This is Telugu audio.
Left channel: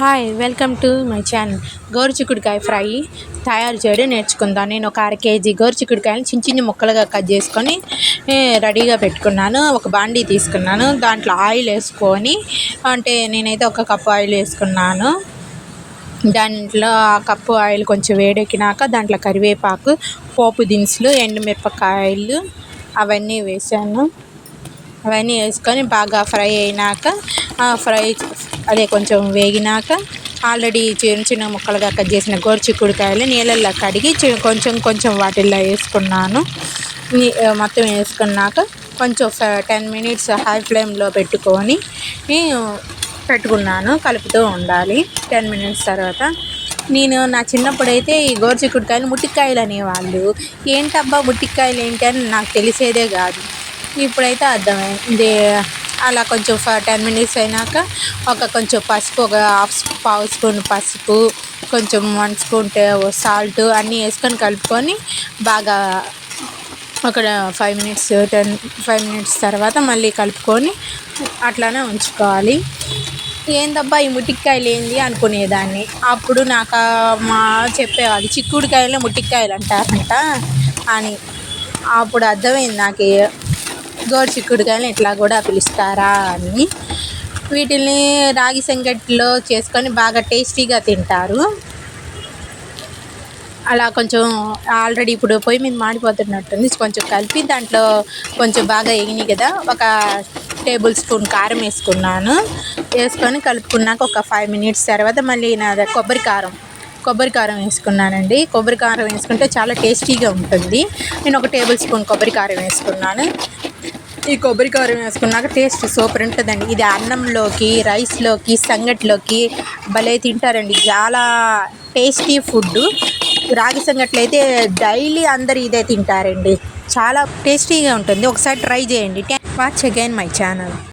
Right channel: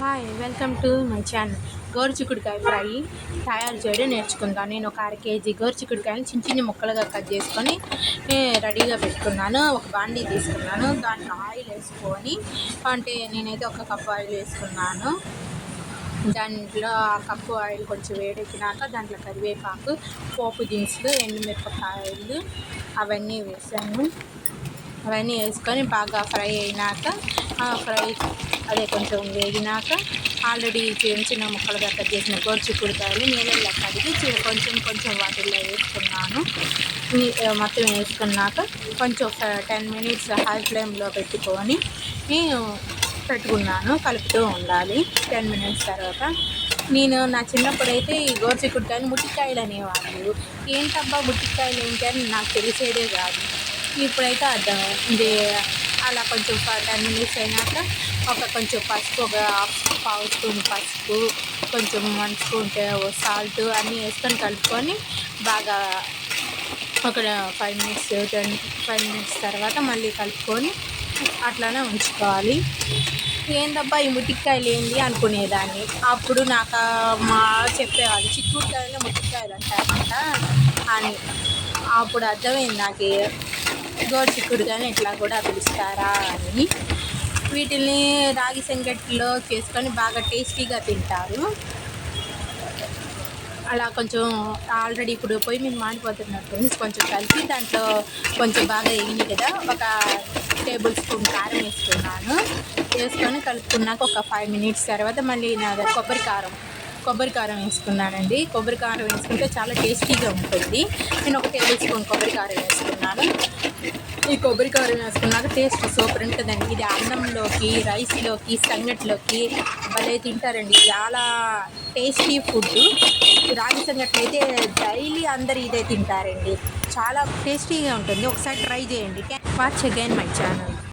Hi welcome to my channel గోరుచిక్కుడుకాయ fry తయారు చేయడం నేర్చుకుందాం. నేను ఒక అర కేజీ గోరుచిక్కుడుకాయలు చిన్న చిన్న ముక్కలుగా కట్ చేసుకొని రెడీగా పెట్టుకున్నాను. ఒక బాండీ తీసుకున్నాను. దాంట్లో ఆయిల్ వేసుకొని అంటే నేనైతే ఒక కప్పు ఆయిల్ వేసుకున్నాను. దాంట్లో ఆ కప్పు ఆయిల్ కొంచెం వేడెక్కినాక దాంట్లో కరివేపాకు పోపు దినుసులు ఎండుమిరపకాయలు అవన్నీ వేసాను. అవన్నీ వేసుకొని బాగా ఫ్రై అయినాక ఫ్రై అదే కొంచెం వేగినాక ఆల్రెడీ చిన్న చిన్న ముక్కలుగా కట్ చేసిన గోరుచిక్కుడుకాయలు నీళ్ళల్లో కడిగి చి- కొంచెం కొంచెం వాటిల్లో వేసుకున్నాను. మొత్తం వేసుకున్నాక కొంచెం టెన్ మినిట్స్ హై ఫ్లేమ్లో పెట్టుకొని పెట్టుకున్నాను కలుపుతూ ఉండాలి. టెన్ మినిట్స్ తర్వాత నేను నా చిన్నప్పుడైతే ఈ గోరుచిక్కుడుకాయలు ముట్టికాయలు అనేవాళ్ళు. ఏంటబ్బా ముట్టికాయలు ఏంటి అని నాకు తెలిసేదే కాదు. ఇప్పుడైతే అర్థం ఇది అలా కొంచెం టెన్ మినిట్స్ అయినాక ఒక కొంచెం పసుపు ఒక హాఫ్ పావు స్పూన్ పసుపు కొంచెం వన్ స్పూన్ సాల్ట్ అన్నీ వేసుకొని కలుపుకొని బాగా ఒక five minutes ten five minutes తర్వాత మళ్ళీ కలుపుకొని అట్లానే ఉంచుకోవాలి. ఏందబ్బా ఈ ముట్టికాయలు ఏంది అనుకునేదాన్ని. అప్పుడు నాకు మా చెప్పేవాళ్ళు చిక్కుడుకాయలు ముట్టికాయలు అంటారంట అని. అప్పుడు అర్థమైంది నాకు. గోరు చిక్కుడుకాయలు ఇట్లా కూడా పిలుస్తారా అని వీటిని రాగి సంగటిలో చేసుకొని బాగా టేస్టీగా తింటారు. అలా కొంచెం ఆల్రెడీ ఇప్పుడు పొయ్యి మీద మాడిపోతున్నట్టుంది. కొంచెం కలిపి దాంట్లో కొంచెం బాగా ఎగినాయి కదా ఒక టేబుల్ స్పూన్ కారం వేసుకున్నాను. వేసుకొని కలుపుకున్నాక ఒక ఫైవ్ మినిట్స్ తర్వాత మళ్ళీ నా కొబ్బరి కారం కొబ్బరి కారం వేసుకున్నానండి. కొబ్బరి కారం వేసుకుంటే చాలా టేస్టీగా ఉంటుంది. నేను ఒక టేబుల్ స్పూన్ కొబ్బరి కారం వేసుకున్నాను. ఈ కొబ్బరి కారం వేసుకున్నాక టేస్ట్ సూపర్ ఉంటుందండి. ఇది అన్నంలోకి రైస్లోకి సంగట్లోకి భలే తింటారండి. చాలా టేస్టీ ఫుడ్. రాగి సంగట్లు అయితే డైలీ అందరు ఇదే తింటారండి. చాలా టేస్టీగా ఉంటుంది. ఒకసారి ట్రై చేయండి. Watch again my channel.